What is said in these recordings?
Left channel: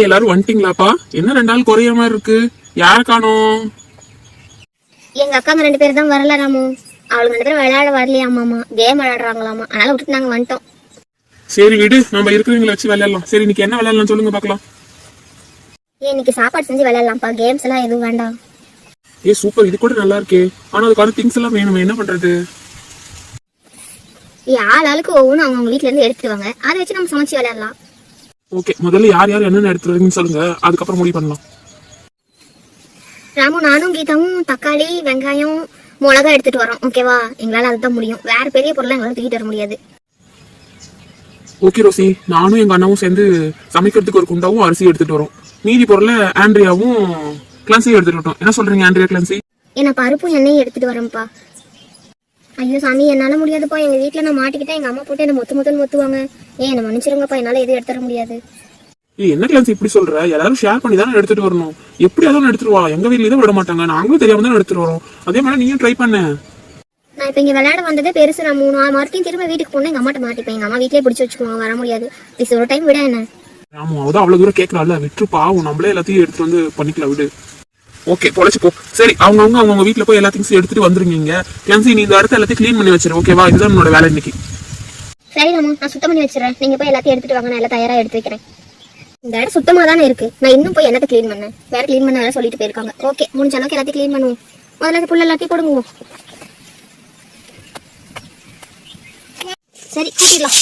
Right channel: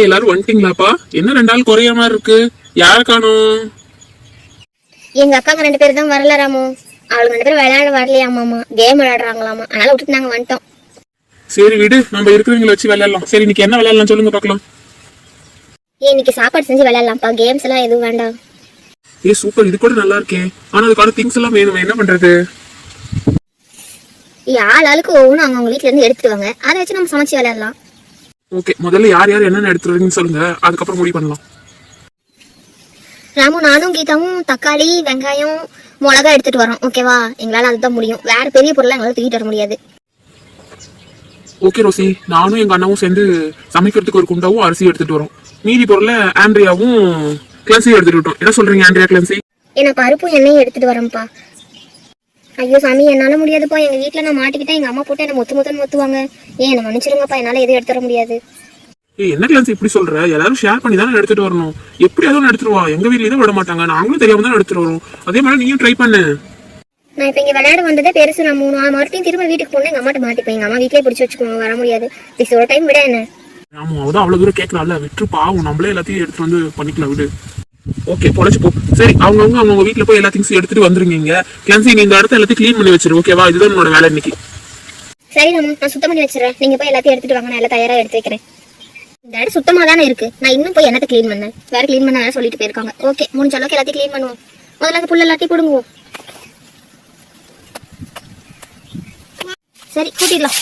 எல்லாரும் வந்துட்டீங்களாப்பா? என்ன 2 நாள் குறையாம இருக்கு, யார காணோம்? எங்க அக்காங்க 2 பேரும் தான் வரல ராமு. அவளுக்கு 2 பேரும் விளையாட வரலையாமாமா, கேம் விளையாடுறாங்களாமா. அதனால விட்டுட்டு நாங்க வந்துட்டோம். சரி விடு, நம்ம இருக்கிறவங்களை வச்சு விளையாடலாம். சரி இன்னைக்கு என்ன விளையாடலாம் சொல்லுங்க பாக்கலாம். இன்னைக்கு சாப்பாடு செஞ்சு விளையாடலாம்ப்பா, கேம்ஸ் எல்லாம் எதுவும் வேண்டாம். சூப்பர், இது கூட நல்லா இருக்கே. ஆனா அதுக்கான திங்ஸ் எல்லாம் வேணும், என்ன பண்றது? ஆளுக்கு ஒவ்வொன்றும் அவங்க வீட்டுல இருந்து எடுத்துட்டு வாங்க, அதை வச்சு நம்ம சமைச்சு விளையாடலாம். ஓகே, முதல்ல யார் யார் என்னென்ன எடுத்துறீங்கன்னு சொல்லுங்க, அதுக்கப்புறம் முடிவு பண்ணலாம். ராமு, நானும் கீதாவும் தக்காளி, வெங்காயம், மிளகா எடுத்துட்டு வரோம். ஓகேவா? எங்களால அதுதான் முடியும், வேற பெரிய பொருளை எங்களால தூக்கிட்டு வர முடியாது. ஓகே ரோசி, நானும் எங்க அண்ணாவும் சேர்ந்து சமைக்கிறதுக்கு ஒரு குண்டாவும் அரிசி எடுத்துட்டு வரோம். மீதி பொருளை ஆண்ட்ரியாவும் கிளான்சியும் எடுத்துட்டு விட்டோம். என்ன சொல்றீங்க ஆண்ட்ரியா, கிளான்சி? என்ன பருப்பும் எண்ணெயும் எடுத்துட்டு வரேன்ப்பா. ஐயோ சாமி, என்னால முடியாதுப்பா. எங்க வீட்டுல நான் மாட்டிக்கிட்டேன், எங்க அம்மா போட்டு என்ன மொத்துன்னு மொத்துவாங்க. என்ன மன்னிச்சிருங்கப்பா, என்னால எதுவும் எடுத்துட முடியாது. என்ன கிளான்சி இப்படி சொல்ற? எல்லாரும் ஷேர் பண்ணி தானே எடுத்துட்டு வரணும். எப்படியாவது எடுத்துட்டு வா, எங்க வீட்லயே தான் விட மாட்டாங்க, நாங்களும் தெரியாம தான் எடுத்துட்டு வரோம். அதே மாதிரி நீயும் ட்ரை பண்ணு. நான் இப்ப இங்க விளையாட வந்ததே பெருசு ராமு. நான் மறுபடியும் திரும்ப வீட்டுக்கு போனேன், எங்க அம்மாட்ட மாட்டிப்பேன். எங்க அம்மா வீட்லயே பிடிச்சி வச்சுக்குவாங்க, வர முடியாது. ப்ளீஸ் ஒரு டைம் விட என்ன. ஆமா, அவதான் அவ்வளவு தூரம் கேட்கறாள், விட்டு பாவம், நம்மளே எல்லாத்தையும் எடுத்து வந்து பண்ணிக்கலாம், விடு. ஓகே, பொழைச்சு போ. சரி, அவங்க வீட்டுல போய் எல்லா திங்ஸும் எடுத்துட்டு வந்துருங்க. கிளன்சி, நீ இந்த இடத்த எல்லாத்தையும் கிளீன் பண்ணி வச்சிரு. ஓகேவா? இதுதான் என்னோட வேலை இன்னைக்கு. சரி ராமு, நான் சுத்தம் பண்ணி வச்சிடறேன். நீங்க போய் எல்லாத்தையும் எடுத்துட்டு வாங்க, நான் எல்லாம் தயாரா எடுத்து வைக்கிறேன். இந்த இடம் சுத்தமா தானே இருக்கு, நான் இன்னும் போய் என்னத்தை கிளீன் பண்ணேன்? வேற கிளீன் பண்ண வேற சொல்லிட்டு போயிருக்காங்க. ஓகே, முடிஞ்ச அளவுக்கு எல்லாத்தையும் கிளீன் பண்ணுவோம். முதல்ல புள்ள எல்லாத்தையும் கொடுங்குவோம். சரி, கூட்டிடலாம்.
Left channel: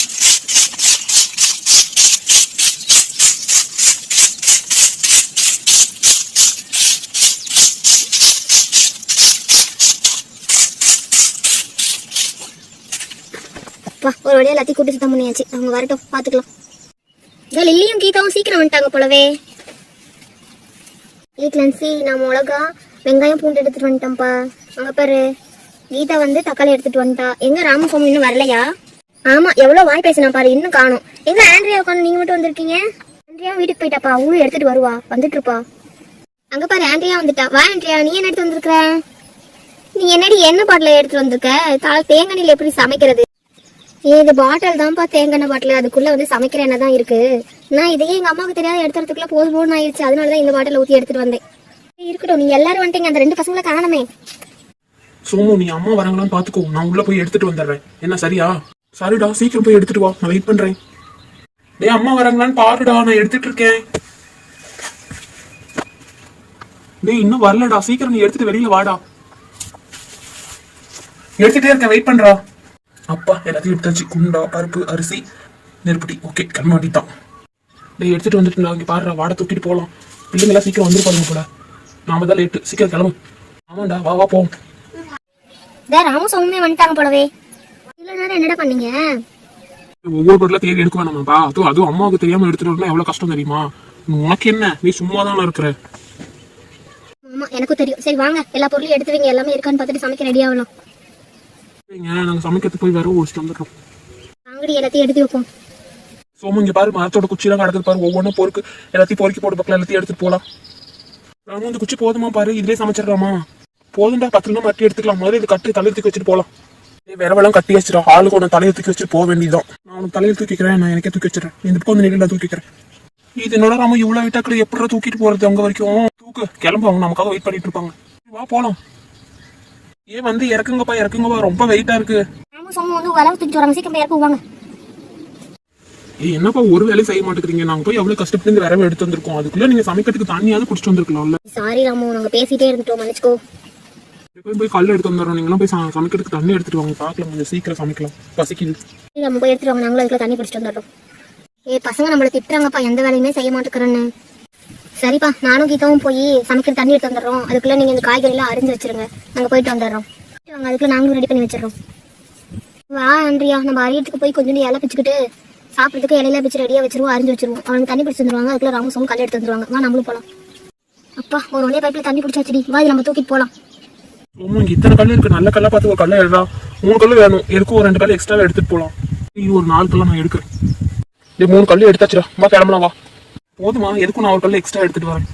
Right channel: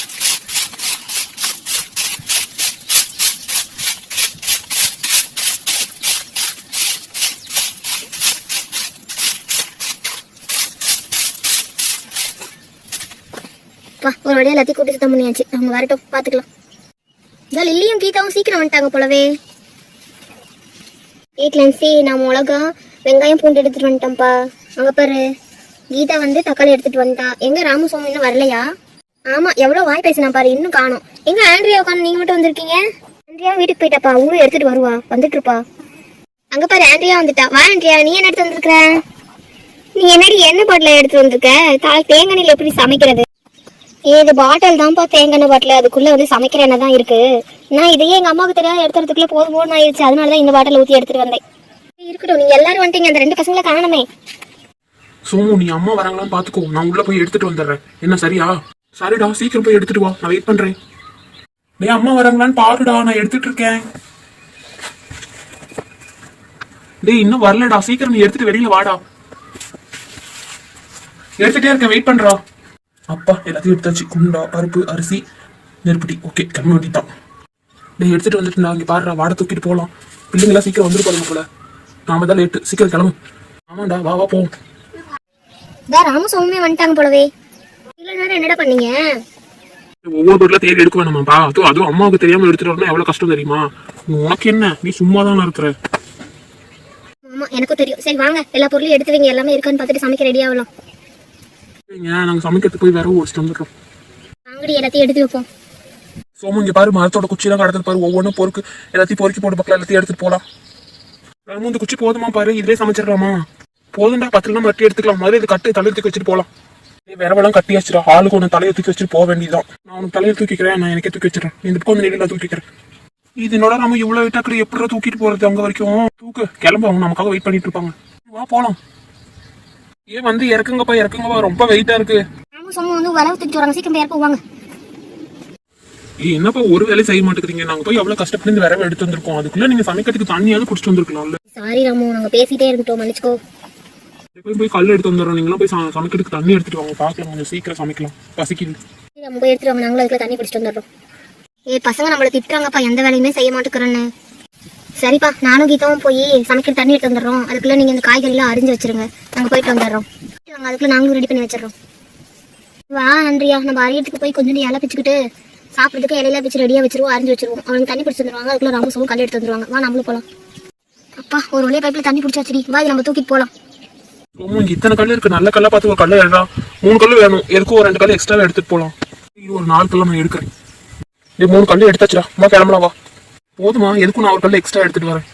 ஒரு வழியா எல்லாத்தையும் கூட்டி சுத்தம் பண்ணியாச்சு. அவங்க வரட்டும், பாத்துக்கலாம். லில்லியும் கீதாவும் சீக்கிரம் வந்துட்டாங்க போலவே. கிளன்சி, நான் மிளகா, வெங்காயம், பூண்டு எடுத்துட்டு வந்துட்டேன்ப்பா. அங்க பாரு, கீதா வந்து தக்காளி எடுத்துட்டு வந்துட்டா. எங்க ராமசாமி இன்னும் வரலையா? ஆமா, எவ்வளவு வாய் பேசினா பாரு, இன்னும் காணும். எங்க ஆண்ட்ரியா உட்காந்து நீங்க மட்டும் வந்திருக்கீங்க? ஆண்ட்ரியா வீட்டுக்கு போயிட்டாப்பா, அவங்களும் எடுத்துட்டு வருவா, வந்துட்டு இருப்பா. அங்க பாரு, ஆண்ட்ரியா வந்துட்டா. வா ஆண்ட்ரியா, நீ என்ன எடுத்து வந்திருக்க? நீ என்னடி என்ன பாட்டில எடுத்து வந்திருக்க? தேங்காய் எண்ணெயில எப்படி சமைக்கிறது? இது பாட்டில் தான்ப்பா, தேங்காய் பாட்டில். அதுக்குள்ள வந்து சமைக்கிற எண்ணெய் தான் இருக்கு. நான் இதையே எங்க அம்மாவுக்கு தெரியாது எடுத்துறதுக்குள்ள போதும் ஆயிடுச்சு. அதனாலதான் இந்த பாட்டில் ஊத்தி எடுத்துட்டு வந்தேன். இருக்கட்டும், நீங்க எல்லாரும் வந்துட்டீங்க, அந்த 2 பசங்களை காணமே. சுமு, நீ அம்மா வராங்களான்னு பாத்துக்கோ, நான் உள்ள போய் எடுத்துட்டு வந்துடுறேன். என்ன சரியா? சரிடா, சீக்கிரம் போய் எடுத்துட்டு வா, நான் வெயிட் பண்றேன். டேய், அம்மா வராங்களான்னு பாருடா, நான் எடுத்துட்டு இருக்கேன். டேய், இன்னும் வரலடா, சீக்கிரம் நீ எடுத்துட்டு வெளியில வாடா. எடுத்துட்டே இருக்கேன், வெயிட் பண்றா. அப்பா, எல்லாத்தையும் எடுத்தாச்சு. குண்டா, பருப்பு, அரிசி, நெருப்பட்டி. ஓகே, கம்மி வாங்கிட்டான். நீ எடுத்துட்டு வந்துட்டு இங்க பாடுறா, வாடை தூக்கிட்டு போகலாம். பிள்ளைங்களா சீக்கிரம் வந்துருப்பாங்க போல, நாம தான் லேட்டு. சீக்கிரம் கிளம்பு. ஆமாண்டா, வா வா போவோம். ராமசாமி வந்துட்டாங்க போலவே. என்னடா பண்ணீங்க? ஒவ்வொரு பொருளா தேடி எடுக்க வேணாமாப்பா? அதுவும் அம்மாவுக்கு தெரியாம எடுத்துட்டு வரணும், எவ்வளவு கஷ்டம் தெரியுமா? உனக்கு என்ன, நீ சும்மா தானே இருக்கிற. ஆமா, எனக்கும் தெரியும். சரி வாங்க, எல்லா பொருளையும் எடுத்து வைங்க, எல்லாமே இருக்கான்னு பார்த்துட்டு சமைக்க ரெடி ஆகலாம். நாங்க சமைக்கிறதுக்கு போய் வேற ஓடிச்சுட்டு வந்துடுறோம். நாங்கடி எல்லாத்தையும் எடுத்து வைப்போம். சோமு, இங்க பாரு, மரத்தோட குச்சியெல்லாம் கடத்துட்டு பாரு, ஒவ்வொன்றும் பொறுக்கு எல்லாத்தையும் பொறுக்கி போட்டு பக்கம் எல்லாத்தையும் எடுத்துட்டு போலாம். ராமு, இந்த குச்சி போதுமா பாரு, இதுலயே சமைச்சிடலாமா? போதும்டா, 10 மட்டி எடுத்துக்கலாம். மாதிரி இது கட்டு தலையை தூக்கி வச்சுட்டு போலாம். வேறவெல்லாம் கட்டி வச்சிடா, ஆளுக்கு ஒன்று தலையை தூக்கி வச்சுட்டு போக வேண்டியதான். நான் உனக்கு தலையை தூக்கிக்கிறேன், நான் எனக்கே தூக்கி வச்சிடறேன். இந்த பக்கம் வந்து நான் தூக்கிக்கிறேன். இது என்னோட ராமு, இவ்வளவு வெயிட்டாக்கு எப்படி தூக்கிட்டு போறது அங்க வரைக்கும்? தூக்கு, கிளம்பு, அவங்க நமக்காக வெயிட் பண்ணிட்டு இருப்பாங்க. வா போலாம். ஏன் வந்து இறக்குங்கப்பா, ரொம்ப வெயிட்டா இருக்கு. என்னப்பா ஒரு வேலையும் செய்ய மாட்டேங்கிறீங்க? நாங்க போய் எவ்வளவு கஷ்டப்பட்டு இந்த விரவை எடுத்து வந்திருக்கோம், அதுக்குள்ள நீங்க சமைக்கிறதுக்கு தண்ணியாவது குடிச்சிட்டு வந்திருக்கலாம்ல. சாரி ராமு, நாங்க பேசிட்டே இருந்துட்டோம், மன்னிச்சுக்கோ. போய் கல் எடுத்து வந்துடுறோம், நீங்களும் போய் சமைக்கிறதுக்கு தண்ணி எடுத்துட்டு வாங்க, பாக்கலாம், கொஞ்சம் சீக்கிரம் சமைக்கலாம், பசிக்குது. நம்ம போய் எடுத்துட்டு வாங்க, நாங்களும் அதுக்குள்ள தண்ணி குடிச்சிட்டு வந்துடுறோம். பசங்க நம்மள திட்டுறாங்கப்பா, எந்த வேலையுமே செய்ய மாட்டேங்கிறேன்னு. சரிப்பா, நானும் கீதாவும் போய் சமைக்கிற தண்ணி எடுத்து வந்துடுறோம். அதுக்குள்ள நீங்க இந்த காய்கறிலாம் அரிஞ்சு வச்சிருங்க, நாங்க போயிட்டு வந்துடுறோம். அதுக்குள்ள நாங்களும் ரெடி பண்ணி வச்சிடறோம். வா ஆண்ட்ரியா, நம்ம அரியத்துக்கு போய் கொஞ்சம் இலை பிச்சுக்கிட்டு சாப்பிட்றதுக்கு இலையெல்லாம் பிச்சு ரெடியா வச்சிருவோம், அரிஞ்சு வச்சிருவோம். அவனுக்கு தண்ணி பிடிச்சி வந்துருவாங்க, அதுக்குள்ள ராமசாவும் கல் எடுத்து வந்துருவாங்க. வா நம்மளும் போலாம். அப்பா, ஒரு ஒரே பைப்ல தண்ணி பிடிச்சாச்சுடி, வா நம்ம தூக்கிட்டு போலாம். இத்தனை கல் இருக்கு, நல்ல கல்லா பார்த்து ஒரு கல்லு எடுக்கலாம். 3 கல்லு வேணும், எதுக்கும் ஒரு 2 கல்லு எக்ஸ்ட்ரா எடுத்துட்டு போலாம். ஒரு 4 கல்லா நான் எடுக்கிறேன். 3 கல்லு எடுத்தாச்சுடா, கிளம்பலாம் வா. போதுமா? எதுக்கும் நான் ஒரு கல்லு எக்ஸ்ட்ரா எடுத்துட்டு வரேன்.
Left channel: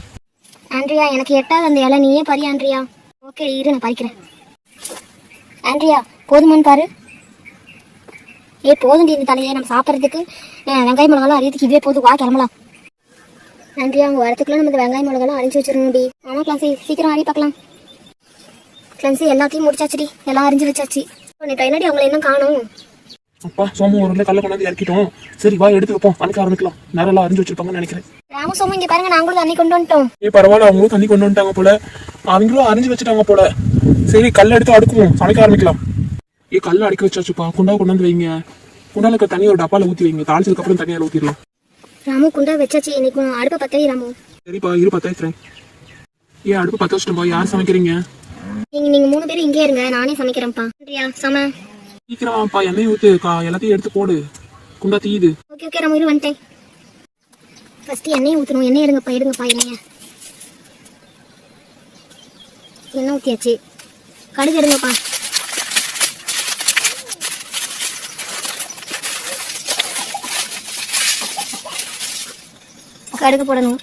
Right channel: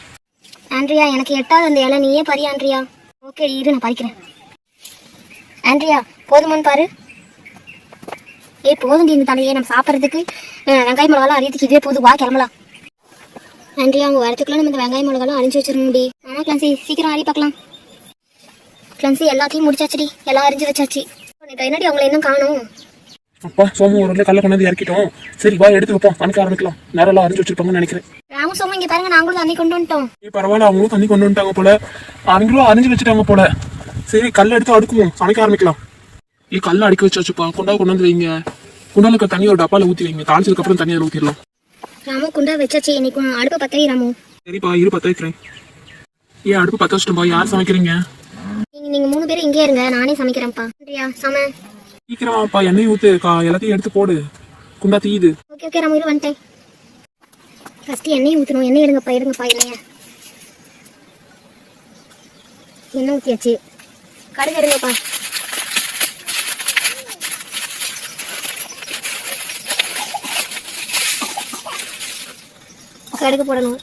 ஆண்ட்ரியா, எனக்கு எட்டாவது அந்த இலை, நீயே பறி ஆண்ட்ரியா. ஓகே இரு, நான் பறிக்கிறேன். ஆண்ட்ரியா, போதுமான்னு பாரு. போதும் இந்த தலையே, நம்ம சாப்பிட்றதுக்கு வெங்காயம் மிளகாலாம் அரியத்துக்கு இதே போதும், வா கிளம்பலாம். நன்றி, அவங்க வரத்துக்குள்ள நம்ம இந்த வெங்காயம் மிளகாலாம் அரிஞ்சு வச்சிடணும்டி. ஆமா கிளான்சி, சீக்கிரம் ஆடி பார்க்கலாம். கிளான்சி எல்லாத்தையும் முடிச்சாச்சுடி, எல்லாம் அரிஞ்சு வச்சாச்சு. நீ என்னடி அவங்களை இன்னும் காணும்? அப்பா சோமு ஒரு கல்ல கொண்டு வந்து இறக்கிட்டோம். சரி வா எடுத்து வைப்போம், சமைக்க ஆரம்பிக்கலாம். நேரம் அரிஞ்சு வச்சிருப்பாங்கன்னு நினைக்கிறேன். ராமு சோமு இங்க பாருங்க, நாங்களும் தண்ணி கொண்டு வந்துட்டோம். பரவாயில்ல, அவங்களும் தண்ணி கொண்டு வந்துட்டாங்க போல, அவங்களும் அரிஞ்சு வச்சுட்டாங்க போல. சரி கல் எடுத்து அடுக்குவோம், சமைக்க ஆரம்பிக்கலாம். கல்ல அடுக்கி வச்சாச்சுப்பா, குண்டா கொண்டு வந்து வைங்க. குண்டால இருக்க தண்ணி ஒரு டப்பால ஊத்தி வைங்க, தாளிச்சதுக்கு அப்புறம் தண்ணியை ஊத்திடலாம். ராமு குண்டா வச்சாச்சு, இன்னைக்கு அடுப்பு பத்தவே ராமு. சரிப்பா இரு பத்த வைக்கிறேன். அடுப்பு பத்த வச்சுட்டோம்பா. யார் சமைக்கிறீங்க? நீங்க 3 பேரும் இங்கே இருங்க, நானே சமைக்கிறேன்ப்பா. சம சீக்கிரம்ப்பா, எண்ணெய் ஊத்து, எல்லாத்தையும் எடுத்து போடு, குண்டா தீயுது. ஓகே ராமு, இரு வந்துட்டேன். ஃபர்ஸ்ட் எண்ணெய் ஊற்றணும். எண்ணெய் எடுங்கப்பா எண்ணெயை. எண்ணெய் ஊற்றியாச்சு. கடுகு எடுங்கப்பா. கடுகு போடணும்.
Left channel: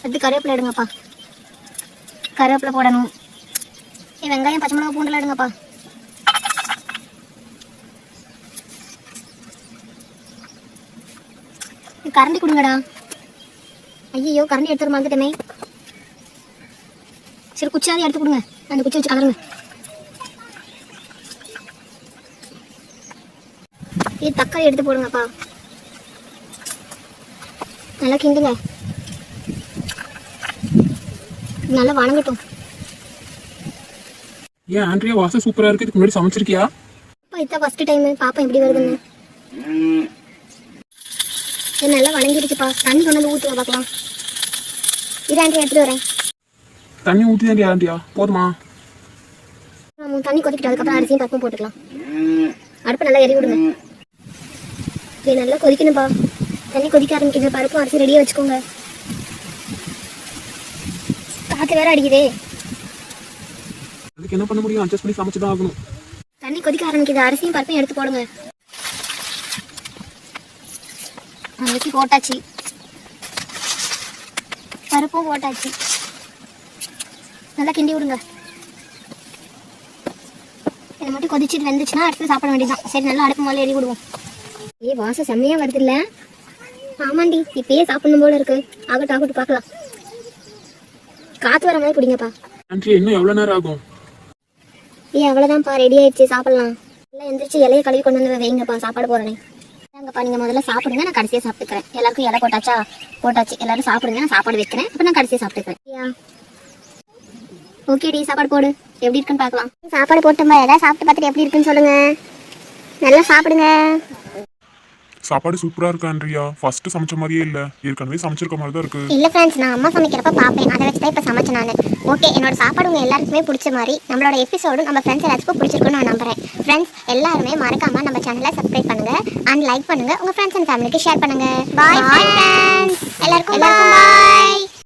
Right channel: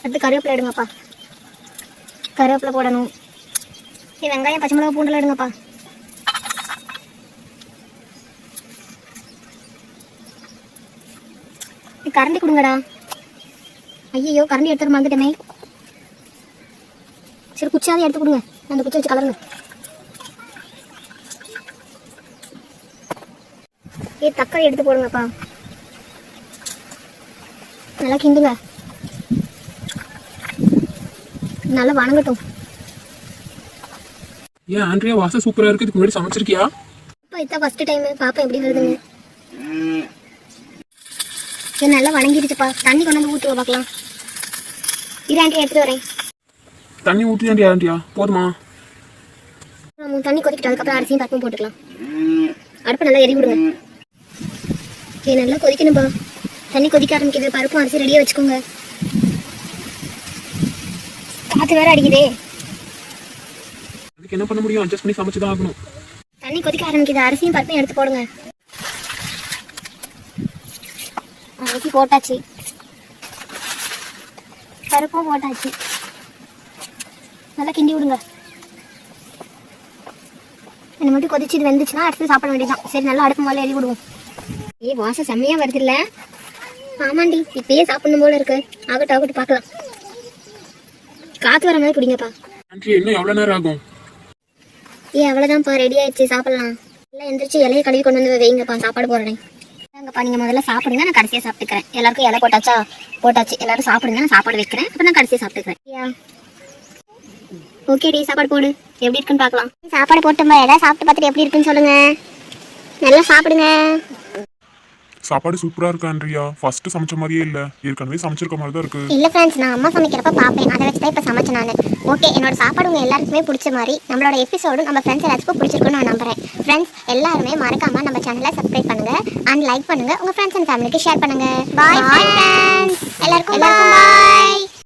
அடுத்து கருவேப்பிலை எடுங்கப்பா. கருவேப்பிலை போடணும். வெங்காயம் பச்சை மிளகா பூண்டெல்லாம் எடுங்கப்பா. கரண்டி கொடுங்கடா. ஐயோ கரண்டி எடுத்துட்டு மறந்துட்டமே. சரி குச்சியாவது எடுத்து கொடுங்க, அந்த குச்சி வச்சு கலருங்க. தக்காளி எடுத்து போடுங்கப்பா. நல்லா கிண்டுங்க, நல்லா வணங்கட்டும். ஆண்ட்ரியா வாசம் சூப்பரா இருக்கு. இதுக்கு முன்னாடி சமைச்சிருக்கியா? அப்பா இதான் ஃபர்ஸ்ட் டைம். பாப்பா எப்படி வருதுங்க. நல்லா வணங்கிடுச்சுப்பா. தண்ணி கொண்டு வந்து ஊற்றுங்க பார்க்கலாம். இது ஆண்டி எடுத்துட்டு வரேன். தண்ணி ஊற்றி ஆண்டியா போதுமா? தண்ணி கொதிக்கிட்டு அதுக்கப்புறம் அரிசியும் பருப்பும் போட்டுக்கலாம். அடுப்பு நல்லா எரி விடுங்க. நல்லா கொதிக்கணும்ப்பா. தண்ணி கொதிக்க ஆரம்பிக்குது. பருப்பும் அரிசி ரெடியாக வச்சுக்கோங்க. காற்று வேற அடிக்குதே. அதுக்கு என்ன பண்ண முடியும்? அட்ஜஸ்ட் பண்ணி சமைச்சுதான் ஆகணும். தண்ணி கொதிக்க ஆரம்பிக்குது. அரிசியும் பருப்பையும் எடுத்து போடுங்க. அரிசி போட்டாச்சு, பருப்பும் போட்டாச்சு. நல்லா கிண்டி விடுங்க. என்ன மட்டும் கொதிச்சு இது வெந்துச்சுன்னா அடுத்து சாப்பிட வேண்டியதான். சரி நல்லா அடுப்பு மேலே எறி விடுவோம். வாசம் செம்மையா வருது இல்ல? ஆமாண்டி, இப்பயே சாப்பிடணும் போல இருக்கு. ஆகட்டும் பார்க்கலாம். காத்து வர மாதிரி பிடிங்கப்பா. இன்னும் எவ்வளவு நேரம் ஆகும்? அவ்வளவுதான்ப்பா, ரெடி ஆயிடுச்சு, சாப்பிடலாம். எல்லாம் எந்திரிச்சு இலையை கழுவி கொண்டு வந்து வைங்கப்பா, சாப்பாடு போறேனே. வாங்கப்பா, நீங்க முதல்ல சாப்பிடுங்க, நான் கடைசியா சாப்பிட்டுக்கிறேன். எல்லாருக்கும் இலை போட்டாச்சு. எல்லாரும் சாப்பிடுங்க, நான் சாப்பாடு வைக்கிறேன். அப்புறம் நான் கடைசியா சாப்பிட்டுக்கிறேன். ஓகேடி, சாப்பாடு போடு. எப்படி இருக்குன்னு பார்க்கலாம். சாப்பாடு போட்டும்பா. ஏதாவது சாப்பிட்டு பார்த்துட்டு எப்படி இருக்குன்னு சொல்லுங்க. நல்லா சாப்பிடுங்க. சாப்பாடு சூப்பரா இருக்கு ஆண்ட்ரியா. ஃபர்ஸ்ட் சமைச்ச மாதிரியே இல்ல, ஏற்கனவே சமைச்சிருக்க மாதிரி தான் இருக்கு. இல்ல ஃப்ரெண்ட்ஸ், நான் அம்மா சமைக்கிறப்ப பாப்பேன், அதை வச்சு தான் இப்ப சமைச்சேன் நான். ஓகே, என்னோட சாப்பாடு உங்க எல்லாருக்குமே பிடிச்ச மாதிரி நம்மளோட எபிசோடும் நம்ம ஃப்ரெண்ட்ஸ் எல்லாத்துக்கும் பிடிச்சிருக்குன்னு நான் நம்புறேன். ஃப்ரெண்ட்ஸ் எல்லாருமே மறக்காம நம்ம சேனலை சப்ஸ்கிரைப் பண்ணுங்க அண்ட் லைக் பண்ணுங்க. உங்க ஃப்ரெண்ட்ஸ் அண்ட் ஃபேமிலிக்கு ஷேர் பண்ணுங்க. பாய் ஃப்ரெண்ட்ஸ், எல்லாருக்கும் பாய்.